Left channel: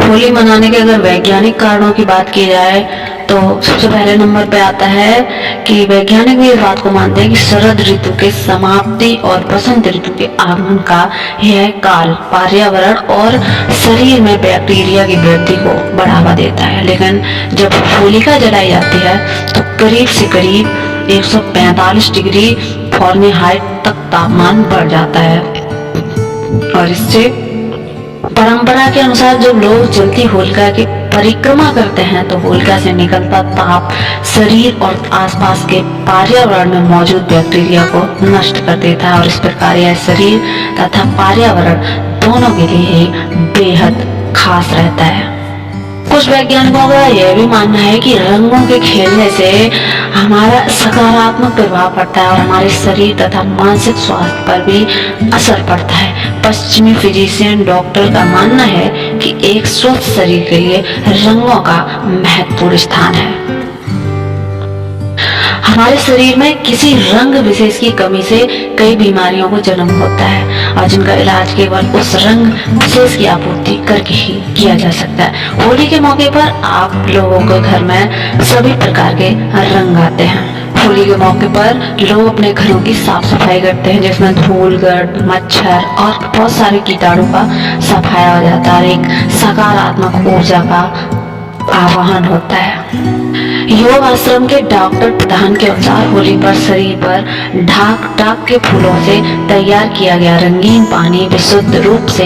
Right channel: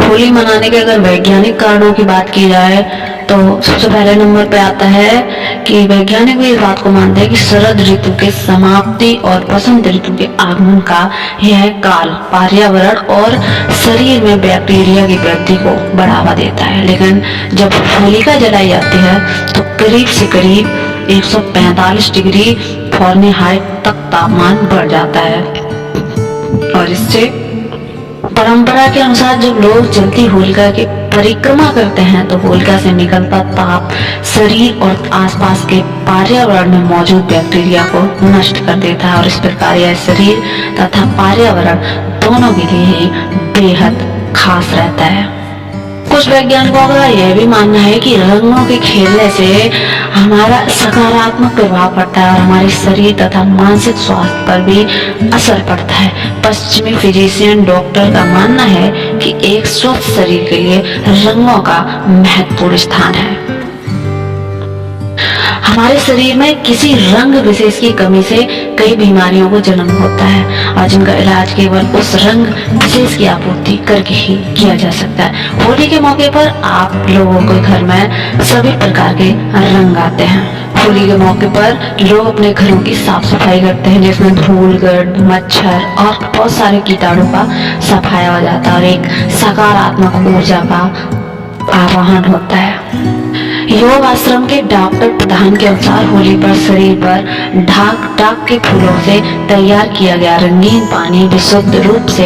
होली मनाने के अगर वैज्ञानिक कारणों की बात की जाए तो सबसे पहले नंबर पे आता है कि वैज्ञानिक भी इस बात को मानते हैं कि शरद ऋतु के समाप्ति और बसंत ऋतु के आगमन का यह काल पर्यावरण और शरीर में बैक्टीरिया की वृद्धि को बढ़ावा देता है। लेकिन जब होलिका जलाई जाती है तो करीब से करीब 145 डिग्री फ़ारेनहाइट तक तापमान बढ़ जाता है और इससे परंपरा के अनुसार जब लोग जलती होलिका की परिक्रमा करते हैं तो होलिका से निकलता ताप शरीर और आसपास के पर्यावरण में मौजूद बैक्टीरिया को नष्ट कर देता है और इस प्रकार यह शरीर तथा पर्यावरण दोनों के लिए ही बेहद खास रहता है। कुछ वैज्ञानिकों का यह भी मानना है कि रंगों के खेलने से हमारा सकारात्मक प्रभाव पड़ता है और हमारे शरीर तथा मानसिक स्वास्थ्य पर भी असर पड़ता है। पश्चिमी फिजिशियन डॉक्टर का मानना है कि एक स्वस्थ शरीर के लिए रंगों का महत्वपूर्ण स्थान है। हमारे शरीर में किसी रंग विशेष की कमी से कई बीमारियों को जन्म होता है और जिनका इलाज केवल उस रंग विशेष की आपूर्ति करके ही किया जा सकता है। होली के मौके पर आप लोगों के घर में सभी प्रकार के रंग आते हैं। होली के मौके पर लोग अपने घरों की साफ सफाई करते हैं जिसमें धूल गर्द मच्छर और बहुत सारे कीटाणु का सफाया हो जाता है और एक सकारात्मक ऊर्जा का आवाहन होता है। योग आश्रम के डॉक्टर प्रधान के अनुसार होली पर शरीर पर ढाक के फूलों से तैयार किया गया रंगीन पानी विशुद्ध रूप से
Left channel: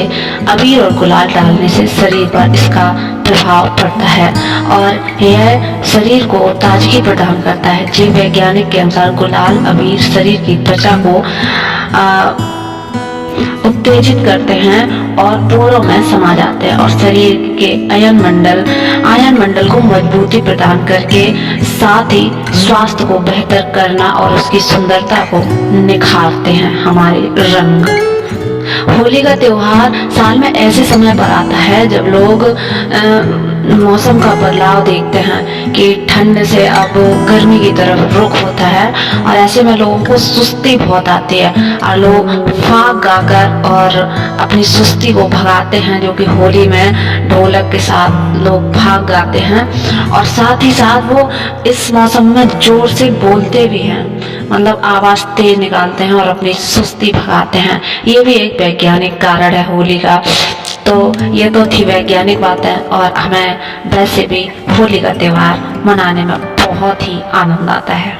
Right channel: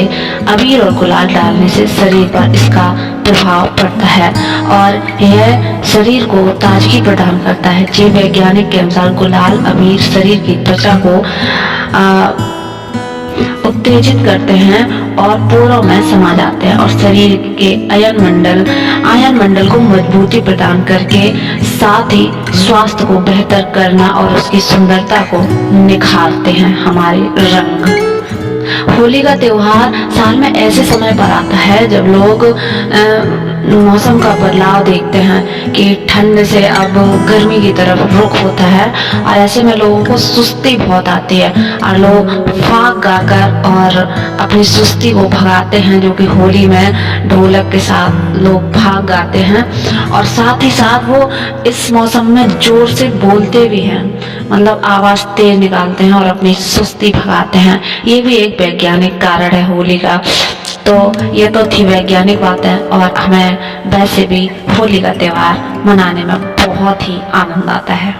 अबीर और गुलाल डालने से शरीर पर इसका प्रभाव पड़ता है और यह शरीर को ताजगी प्रदान करता है। जीव वैज्ञानिक के अनुसार गुलाल अबीर शरीर की त्वचा को उत्तेजित करते हैं और पोरों में समा जाते हैं और शरीर के आयन मंडल को मजबूती प्रदान करके साथ ही स्वास्थ्य को बेहतर करना और उसकी सुंदरता को निखारते हैं हमारे रंग। होली का त्योहार साल में ऐसे समय पर आता है जब लोग मौसम का बदलाव देखते हैं कि ठंड से अब गर्मी की तरफ रुख होता है और ऐसे में लोगों को सुस्ती बहुत आती है और लोग फाग गाकर और अपनी सुस्ती को भगाते हैं, जो कि होली में ढोलक के साथ लोग फाग गाते हैं और साथ ही साथ वो इस मौसम में जोर से बोलते भी हैं, मतलब आवाज तेज निकालते हैं और अपनी सुस्ती भगाते हैं। ये भी एक वैज्ञानिक कारण है होली का। तो ये तो थी वैज्ञानिक बातें और हमें वैसे भी होली का त्योहार मनाने में बहुत ही आनंद आता है।